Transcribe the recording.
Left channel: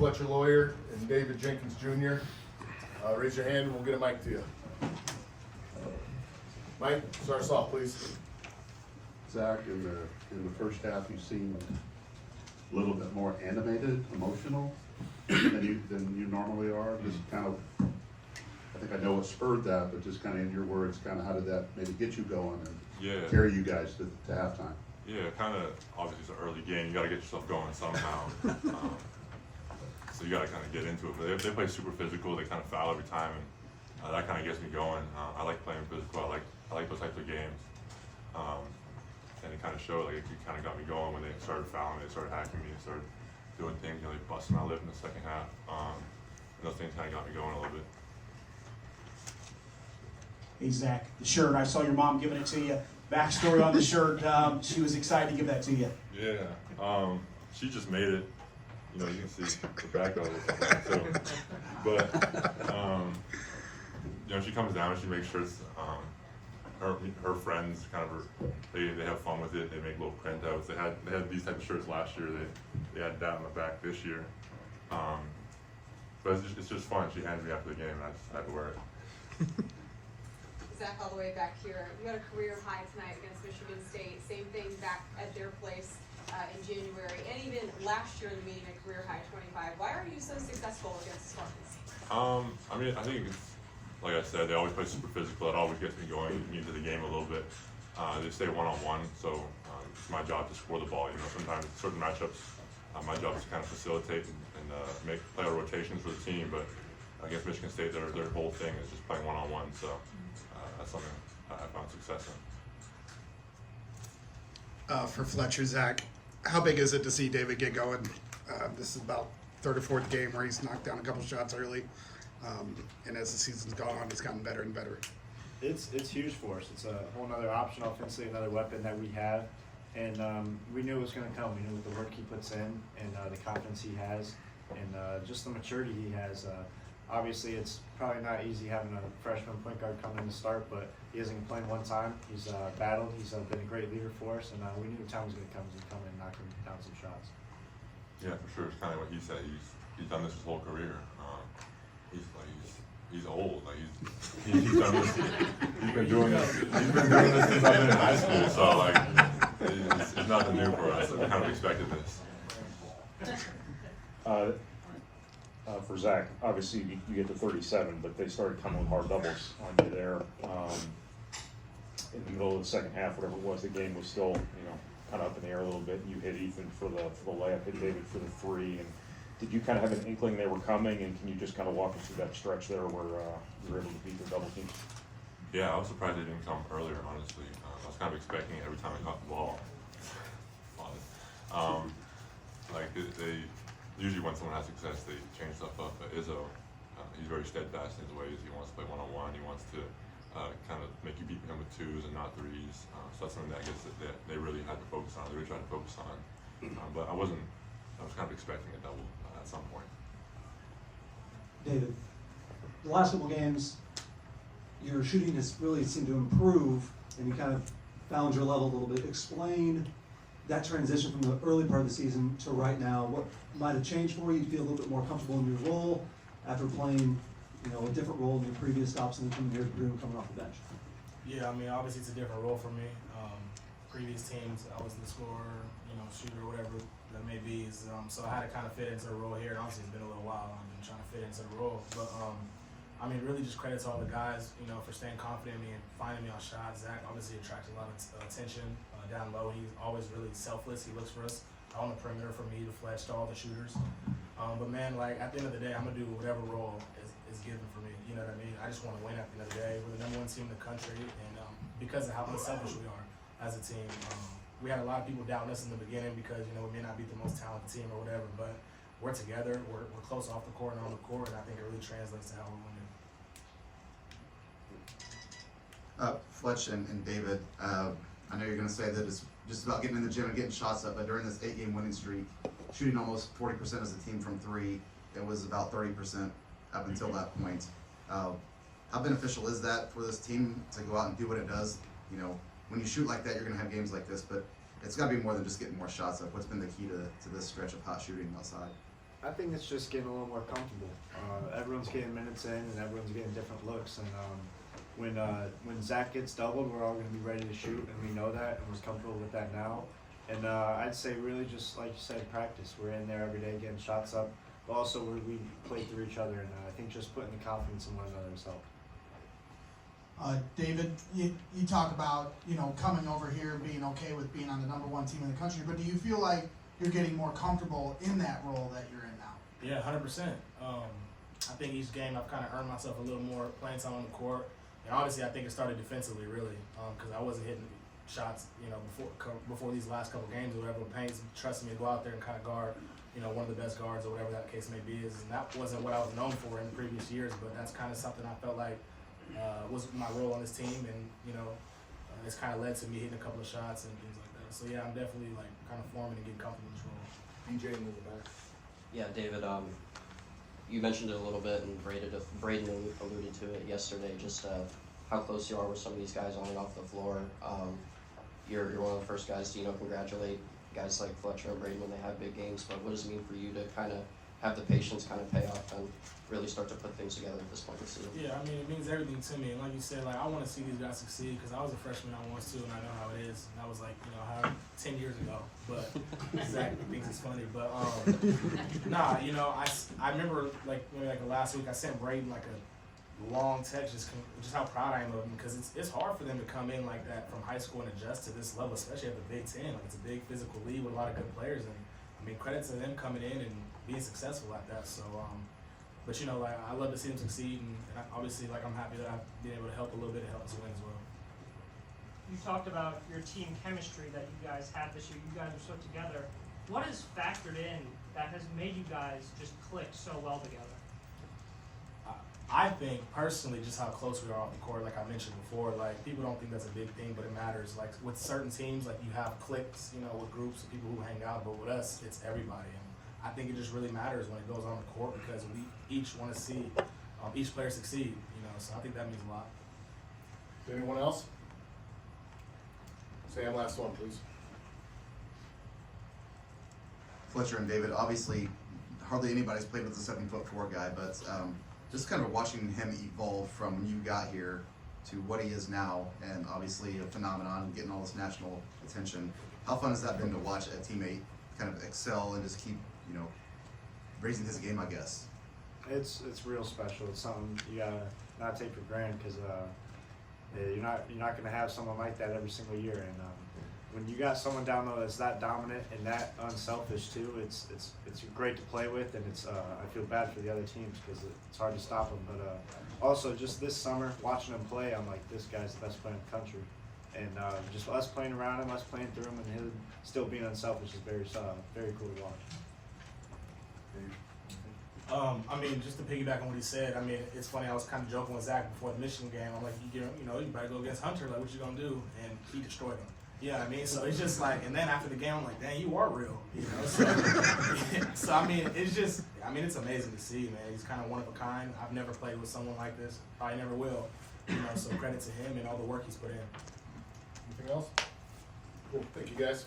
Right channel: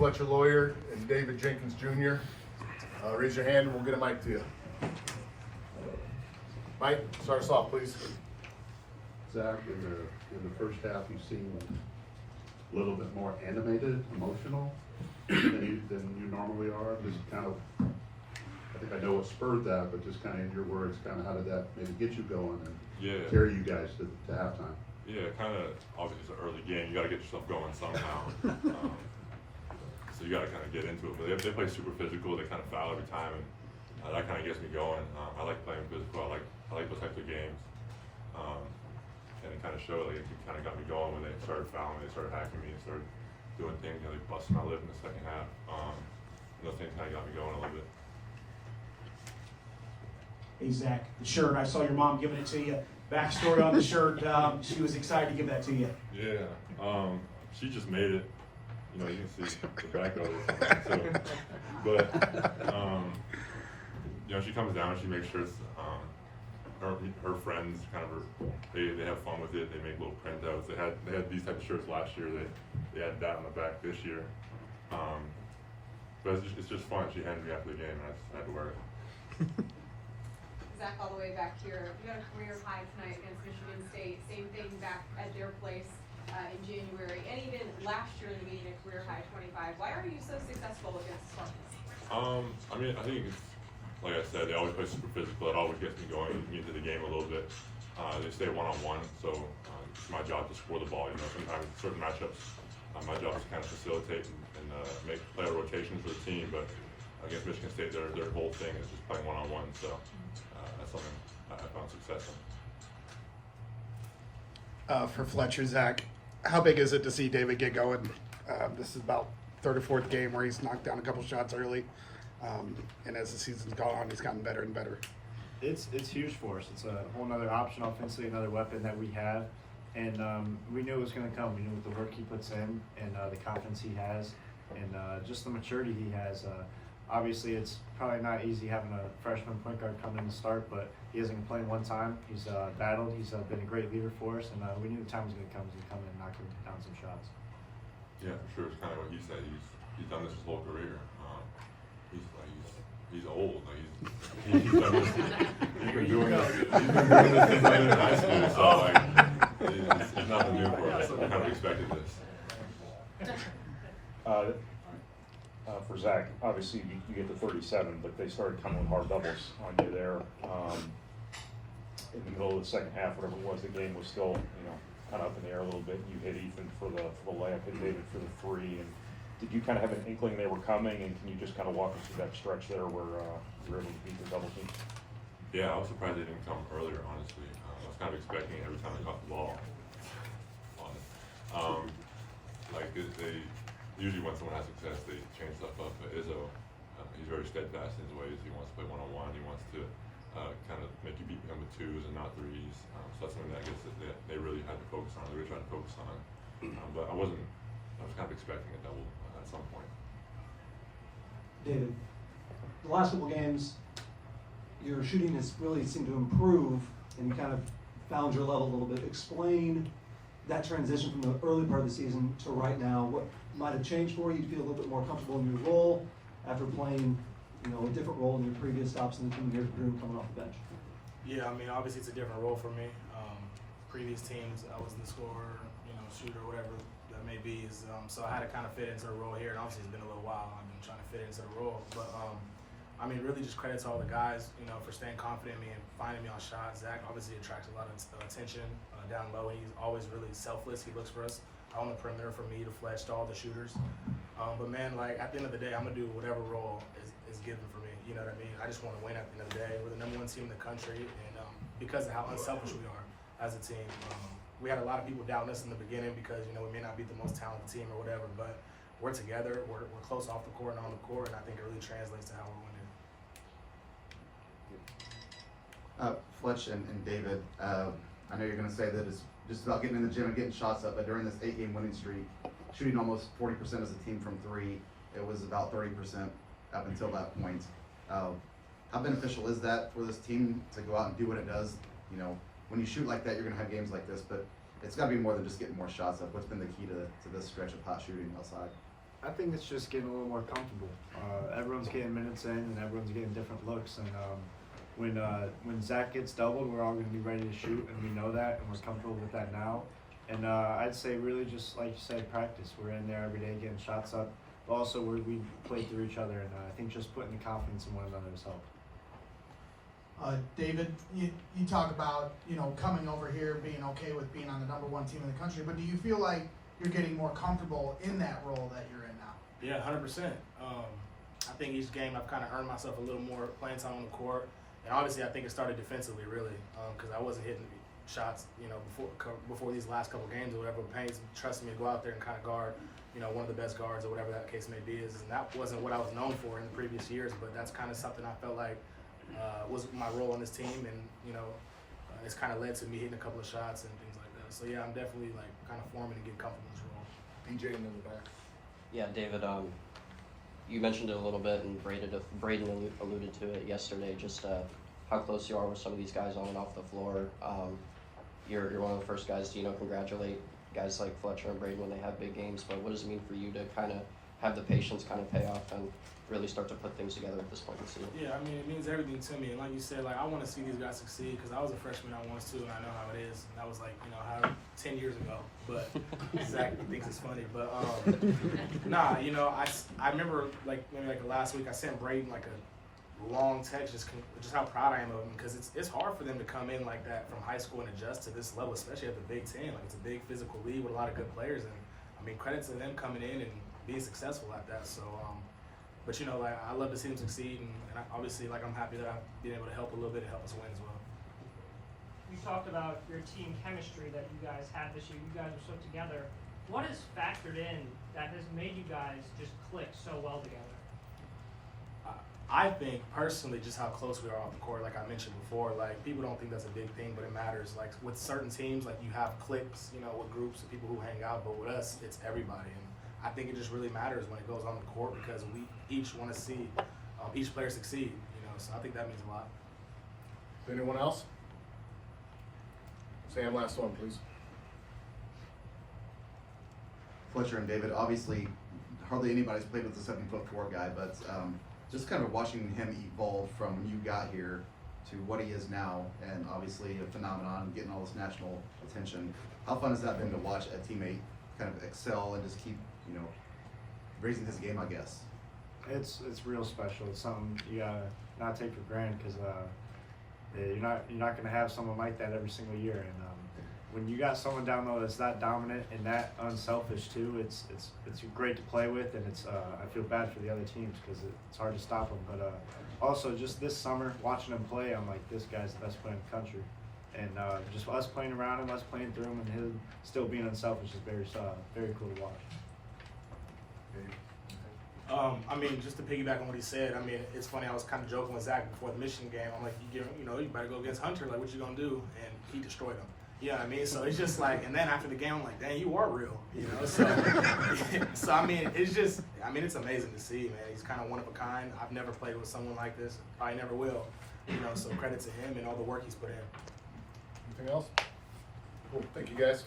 Fletcher, Loyer, and David Jenkins Jr. Raise your hand and we'll get a mic to you. Mike, start us off, please. Zach, in the first half, you seemed a little bit more animated, emotional than you normally are. Just kind of, I think I know what spurred that, but just kind of in your words, kind of how did that maybe get you going and carry you guys to halftime? Yeah, kind of. Obviously, it's an early game. You got to get yourself going somehow. So you got to kind of get into it. But they play super physical. They kind of foul every time, and that kind of gets me going. I like playing physical. I like those types of games. And it kind of showed, like, it kind of got me going when they started fouling. They started hacking me and started doing things. You know, they busted my lip in the second half. And those things kind of got me going a little bit. Hey Zach, the shirt, I saw your mom giving it to you. Backstory on the shirt, she was excited to give that to you. Yeah, she just made it. You know, you can see the back of it. So, but you know, she comes down, she makes sure it's her friends kind of they have fun with it. They make little printouts. They had these type of shirts last year. They had that on the back this year. But it's just fun. She handed me after the game, and I just had to wear it. Zach, all the way back here, you got a career high tonight against Michigan State. Same thing back at their place in January, and even last year in the meeting, a career high 25. Why are you so successful against Spartans? I mean, I think it's like I said, they always play super physical. It always gets me going into the game a little bit. They stay one-on-one, so it's my job to score the ball. You know, sometimes certain matchups, my job is to kind of facilitate and make player rotations for the team. But against Michigan State, their whole thing is just playing one-on-one. So that's something I found success in. For Fletcher, Zach, how big is it to see David get going? This is about third or fourth game where he's knocked down a couple shots early, and as the season's gone on, he's gotten better and better. It's huge for us. It's a whole other option offensively, another weapon that we have, and we knew it was going to come. We knew with the work he puts in and the confidence he has, and just the maturity he has. Obviously, it's probably not easy having a freshman point guard come in to start, but he hasn't complained one time. He's battled. He's been a great leader for us, and we knew the time was going to come. He's going to come in and knock him down some shots. Yeah, for sure. It's kind of what he said. He's done this his whole career. He's old. Like he's done this. He's been doing this. He's been doing this since I've been in high school. So like, it's nothing new for us. We kind of expected this. For Zach, obviously you get to 37, but they started coming with hard doubles on you there. In the middle of the second half, whatever it was, the game was still, kind of up in the air a little bit. You hit Ethan for the layup, hit David for the three. And did you kind of have an inkling they were coming? And can you just kind of walk us through that stretch there where you were able to beat the double team? Yeah, I was surprised they didn't come earlier. Honestly, I was kind of expecting it every time I caught the ball. Like they usually when someone has success, they change stuff up. But Izzo, he's very steadfast in his ways. He wants to play one-on-one. He wants to kind of make you beat him with twos and not threes. So that's something that I guess that they really had to focus on. They really tried to focus on. But I was kind of expecting a double at some point. David, the last couple games, your shooting has really seemed to improve, and you kind of found your level a little bit. Explain that transition from the early part of the season to right now. What might have changed for you? You feel a little bit more comfortable in your role after playing, a different role in your previous stops in the team here coming off the bench. Yeah, I mean, obviously it's a different role for me. Previous teams, I was the scorer, shooter, whatever that may be. So I had to kind of fit into the role here. And obviously it's been a little while. I've been trying to fit into the role, but I mean, really just credit to all the guys, for staying confident in me and finding me on shots. Zach obviously attracts a lot of attention down low. He's always really selfless. He looks for us on the perimeter for me to flash to all the shooters. But man, like at the end of the day, I'm gonna do whatever role is given for me. You know what I mean? I just want to win at the end of the day. We're the #1 team in the country, and because of how unselfish we are as a team, we had a lot of people doubting us in the beginning because we may not be the most talented team or whatever, but we're together. We're close off the court and on the court, and I think it really translates to how we're winning. Fletch and David, I know you're going to say that it's just about getting in the gym and getting shots up, but during this 8-game winning streak, shooting almost 40% as a team from three, it was about 30% up until that point. How beneficial is that for this team to go out and do what it does? When you shoot like that, you're going to have games like this, but it's got to be more than just getting more shots up. What's been the key to this stretch of hot shooting outside? I think it's just getting a little more comfortable. Everyone's getting minutes in, and everyone's getting different looks. And when Zach gets doubled, we're all going to be ready to shoot, and we know that, and we're comfortable with that now. And I'd say really just like you said, practice. We're in there every day getting shots up, but also we play through each other, and I think just putting the confidence in one another has helped. David, you talk about, coming over here, being okay with being on the #1 team in the country, but do you feel like you're getting more comfortable in that role that you're in now? Yeah, 100%. I think each game I've kind of earned myself a little more playing time on the court, and obviously I think it started defensively really, because I wasn't hitting shots, before these last couple games or whatever. Payne's trusting me to go out there and kind of guard, one of the best guards or whatever that case may be. And that wasn't what I was known for in the previous years, but that's kind of something I felt like was my role on this team, and it's kind of led to me hitting a couple of shots and things like that. So yeah, I'm definitely like kind of forming and getting comfortable in this role. DJ in the back. Yeah, David, you mentioned it a little bit, and Braden alluded to it yesterday, just how close you are with some of these guys on and off the floor. You're one of the first guys to congratulate guys like Fletcher and Braden when they have big games, but what does it mean for you to kind of have the patience kind of pay off and really start to put things together at this point in the season? Yeah, I mean, it means everything to me. And like you said, I want to see these guys succeed because I was a freshman I was too, and I know how it is. And that was 10 years ago. But Zach thinks it's funny. But nah, I remember maybe last week I sent Braden a long text just how proud I am of him, because it's hard for them to come in like that from high school and adjust to this level, especially at the Big Ten. It's a big physical league with a lot of good players, and I mean, credit to them coming in and being successful at that. So, but I love to see them succeed, and obviously, I'm happy that I've been able to help a little bit to help us win as well. You talked about your team chemistry that you guys have this year. You guys are so together. What has factored in that has made you guys just click so well together? I think personally, just how close we are on the court, like I mentioned before, people don't think that's a big thing, but it matters. With certain teams, you have cliques, with groups of people who hang out, but with us, it's everybody. And I think it just really matters when it goes on the court, because we each want to see each player succeed, so I think that means a lot. Anyone else? Sam, last one, please. Fletcher and David, obviously, hardly anybody's played with a 7'4" guy, but just kind of watching him evolve from when you got here to what he is now, and obviously a phenomenon, getting all this national attention. How fun has that been to watch a teammate kind of excel and just keep, raising his game, I guess? It's real special. It's something you gotta not take for granted, because you're not gonna have someone like that every single year. And when you got someone down low that's that dominant and that unselfish too, it's great to play with, and I feel bad for the other teams because it's hard to stop them. But also just this summer watching him play, I'm like, this guy's the best player in the country, and just us playing around him, us playing through him, and him still being unselfish is very cool to watch. I mean, just to piggyback on what he said, I mean, it's funny, I was kind of joking with Zach before the Michigan game. I'm like, you better go against Hunter, what you gonna do? And he destroyed him. You know what I mean? So it's just and then after the game, I'm like, dang, you are real, So, I mean, it's amazing to see, man. He's kind of one of a kind. I've never played with someone like this. Probably never will, so credit to him and all the work he's put in. Anything else? Cool, thank you guys.